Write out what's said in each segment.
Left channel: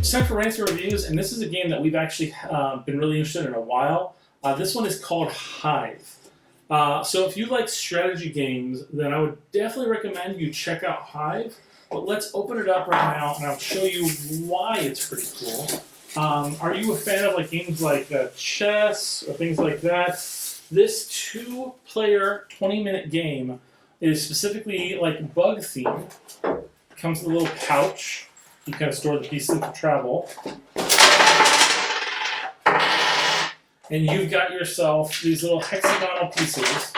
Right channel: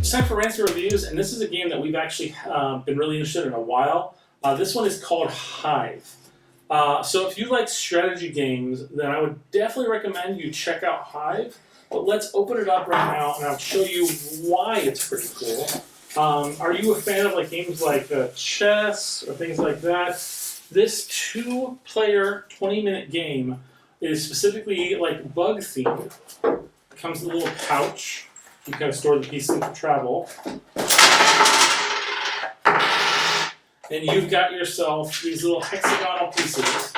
It's time for Rants and Reviews, and this is a game that we've actually been really interested in a while. This one is called Hive. So if you like strategy games, then I would definitely recommend you check out Hive. But let's open it up right now, and I'll show you why it's pretty cool. Are you a fan of like games like chess or things like that? This 2-player 20-minute game is specifically like bug themed. Comes with a little pouch. You kind of store the pieces for travel. And you've got yourself these little hexagonal pieces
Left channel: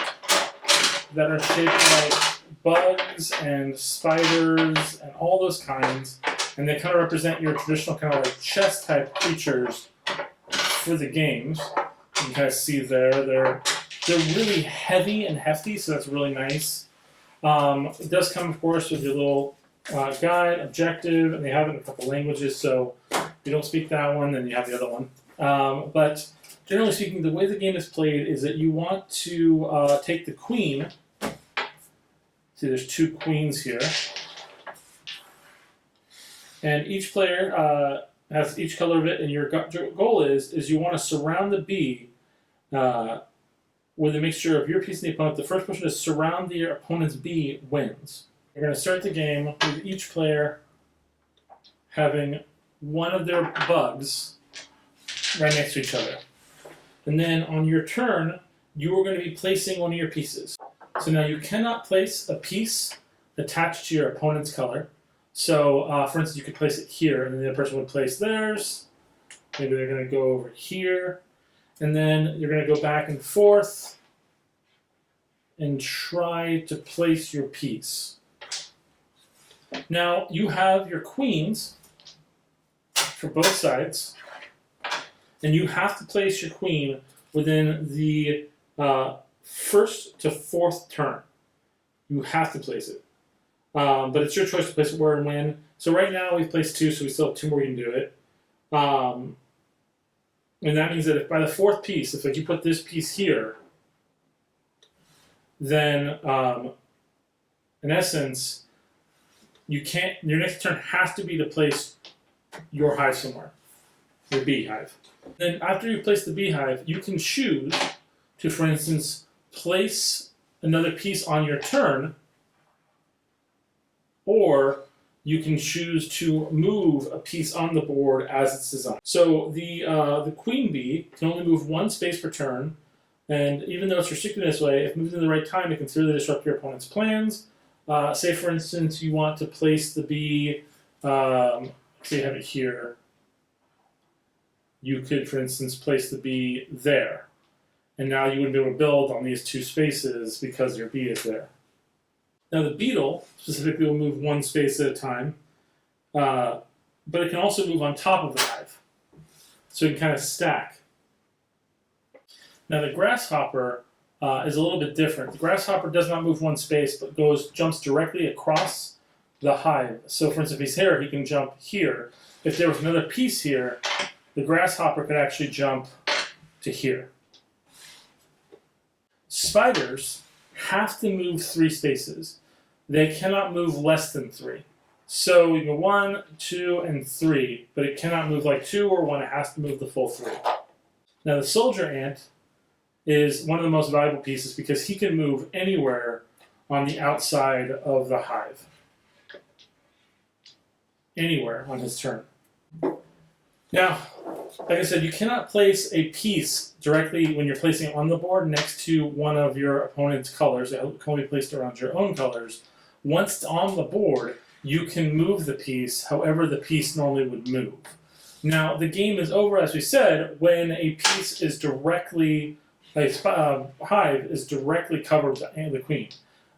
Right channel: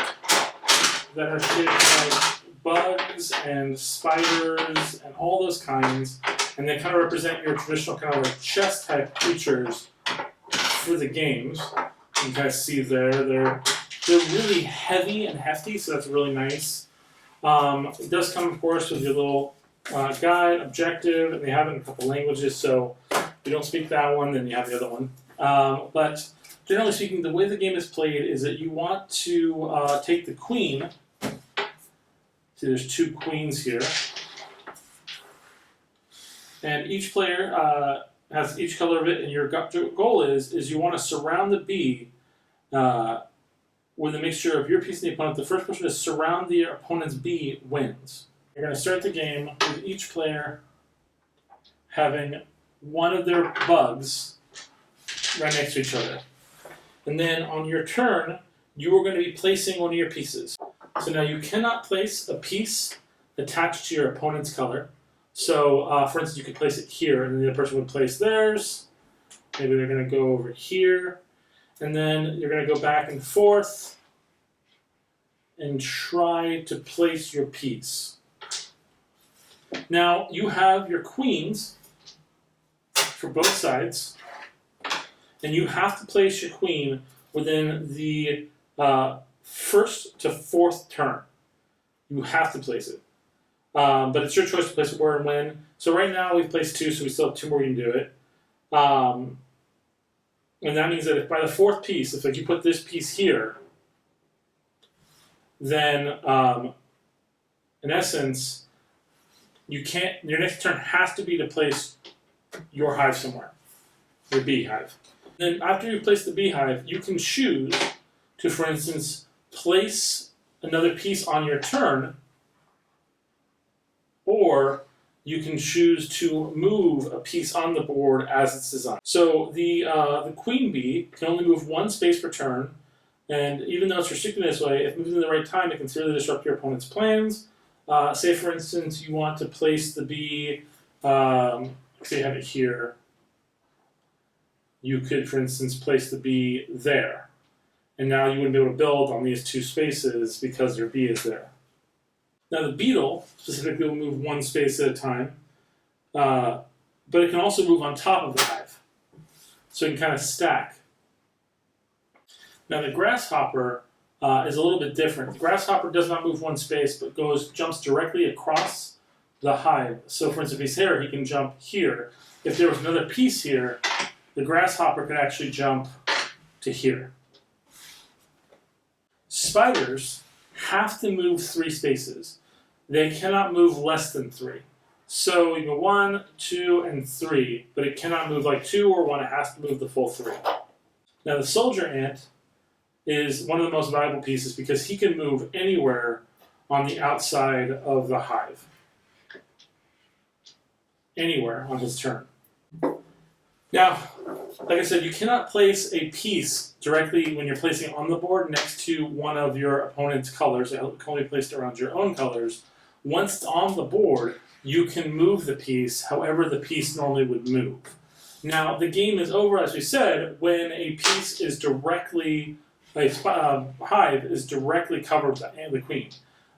that are shaped like bugs and spiders and all those kinds. And they kind of represent your traditional kind of like chess type creatures for the games. You can kind of see there, they're really heavy and hefty, so that's really nice. It does come, of course, with your little guide, objective, and they have it in a couple languages, so if you don't speak that one, then you have the other one. But generally speaking, the way the game is played is that you want to take the queen. See, there's 2 queens here. And each player has each color of it, and your goal is you want to surround the bee with a mixture of your piece and the opponent. The first person to surround the opponent's bee wins. You're going to start the game with each player having one of their bugs right next to each other. And then on your turn, you are going to be placing one of your pieces. So now you cannot place a piece attached to your opponent's color. So, for instance, you could place it here, and then the other person would place theirs. Maybe they're going to go over here. And then you're going to go back and forth and try to place your piece. Now, you have your queens for both sides, and you have to place your queen within the first to 4th turn. You have to place it. But it's your choice to place it where and when. So right now we've placed 2, so we still have 2 more we can do it. And that means that if by the 4th piece, if like you put this piece here, then in essence, you can't. Your next turn has to be to place your hive somewhere, your beehive. Then after you place the beehive, you can choose to, for instance, place another piece on your turn, or you can choose to move a piece on the board as it's designed. So the queen bee can only move 1 space per turn, and even though it's restricted this way, if moved in the right time, it can severely disrupt your opponent's plans. Say, for instance, you want to place the bee, say you have it here. You could, for instance, place the bee there. And now you wouldn't be able to build on these 2 spaces because your bee is there. Now the beetle, specifically, will move 1 space at a time. But it can also move on top of the hive. So it can kind of stack. Now the grasshopper is a little bit different. The grasshopper does not move 1 space, but jumps directly across the hive. So for instance, if he's here, he can jump here. If there was another piece here, the grasshopper could actually jump to here. Spiders have to move 3 spaces. They cannot move less than 3. So you go 1, 2, and 3, but it cannot move like 2 or 1. It has to move the full 3. Now the soldier ant is one of the most valuable pieces because he can move anywhere on the outside of the hive. Anywhere on his turn. Now, like I said, you cannot place a piece directly when you're placing it on the board next to one of your opponent's colors. It can only be placed around your own colors. Once it's on the board, you can move the piece however the piece normally would move. Now, the game is over, as we said, when a piece is directly, a hive is directly covered by the queen.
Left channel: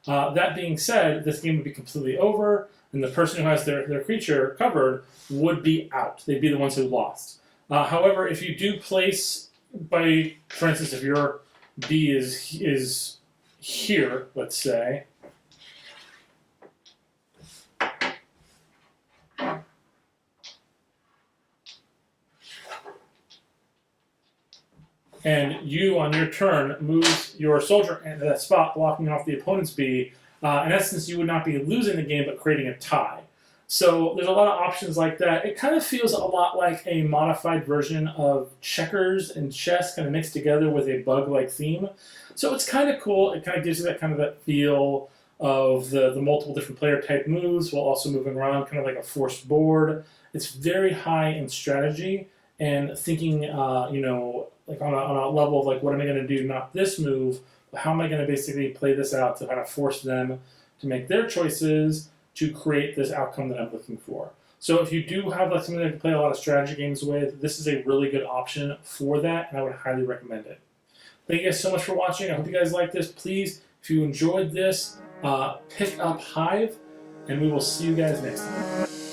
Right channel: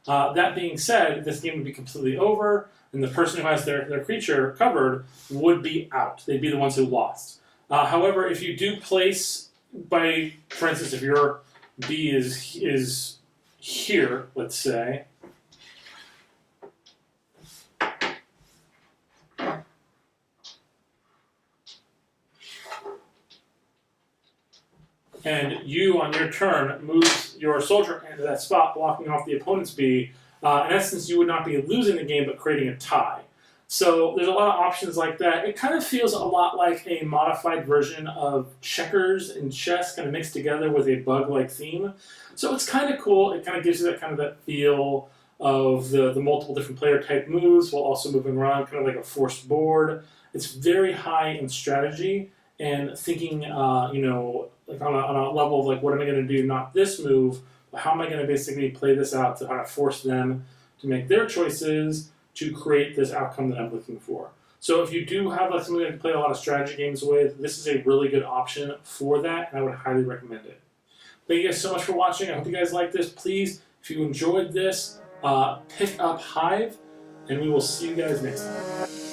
That being said, this game would be completely over, and the person who has their creature covered would be out. They'd be the ones who lost. However, if you do place, for instance, if your bee is here, let's say, and you, on your turn, move your soldier into that spot, blocking off the opponent's bee, in essence, you would not be losing the game, but creating a tie. So there's a lot of options like that. It kind of feels a lot like a modified version of checkers and chess kind of mixed together with a bug-like theme. So it's kind of cool. It kind of gives you that kind of that feel of the multiple different player type moves while also moving around, kind of like a forced board. It's very high in strategy and thinking, like on a level of like, what am I going to do? Not this move, but how am I going to basically play this out to kind of force them to make their choices to create this outcome that I'm looking for. So if you do have like somebody that can play a lot of strategy games with, this is a really good option for that, and I would highly recommend it. Thank you guys so much for watching. I hope you guys like this. Please, if you enjoyed this, pick up Hive, and we will see you guys next time.